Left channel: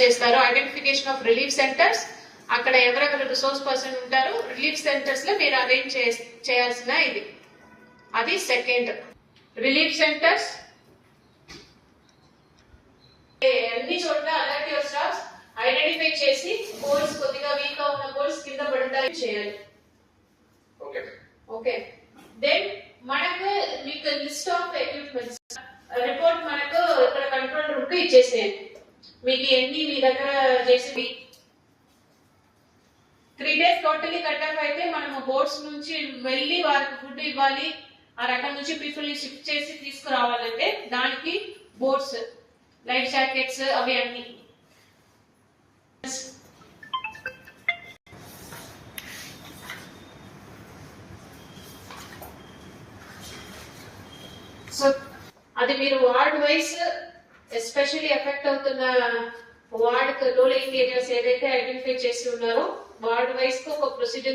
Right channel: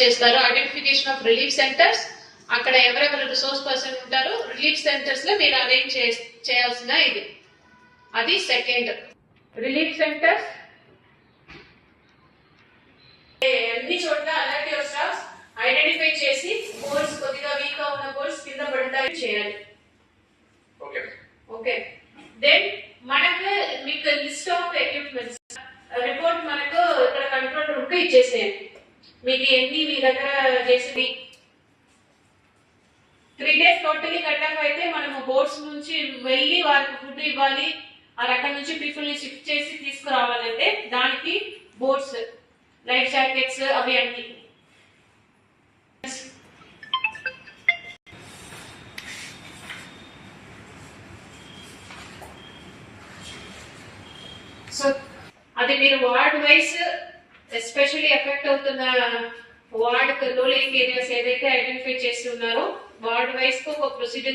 చేస్తారు. Identification of relief centres అక్కడ ఎవరెవరు రిసోర్స్ పర్సన్ ఉంటారో రిలీఫ్ సెంటర్స్లో మీరు అరేంజ్ చేయాల్సిన ఇది. అది సెకండ్ రిలీఫ్ సెంటర్స్ అన్ని చోట్ల అలర్ట్ యువర్ స్టాఫ్ ఐడెంటిఫై చేసి బోర్డ్స్ కొద్దిగా వీక్గా ఉన్న బోర్డ్స్ కింద పడటానికి చేయాలి. ఓకే దెన్ మనకు మీకు లిస్ట్ ఆఫ్ ఎక్విప్మెంట్స్ రిపోర్ట్ మనకు ఇక్కడ కంట్రోల్ రూమ్ ఇచ్చేసేయండి. మీకు ఎన్ని మీ దగ్గర చేసి త్రీ డేస్ టోటలీ కట్టాక అయితే మనము బోర్డ్స్ నుంచి వెళ్ళి వారికి ఫుడ్ ఇవ్వాలి. ఆ రకం నుంచి పీపుల్ని షిఫ్ట్ చేసి తీసుకురావాలంటే దానికి బోర్డ్స్ లైఫ్ జాకెట్స్ అవి అన్ని. సో అది మీరు వార్డ్ వైస్ ఎస్పెషల్లీ ఎఫెక్ట్ అవుతున్న వార్డ్ రూలింగ్ ఏరియాస్ ఏదైతే ఐడెంటిఫై చేసి ఉన్నారో వార్డ్ వైస్కు ఒక ప్రొసీజర్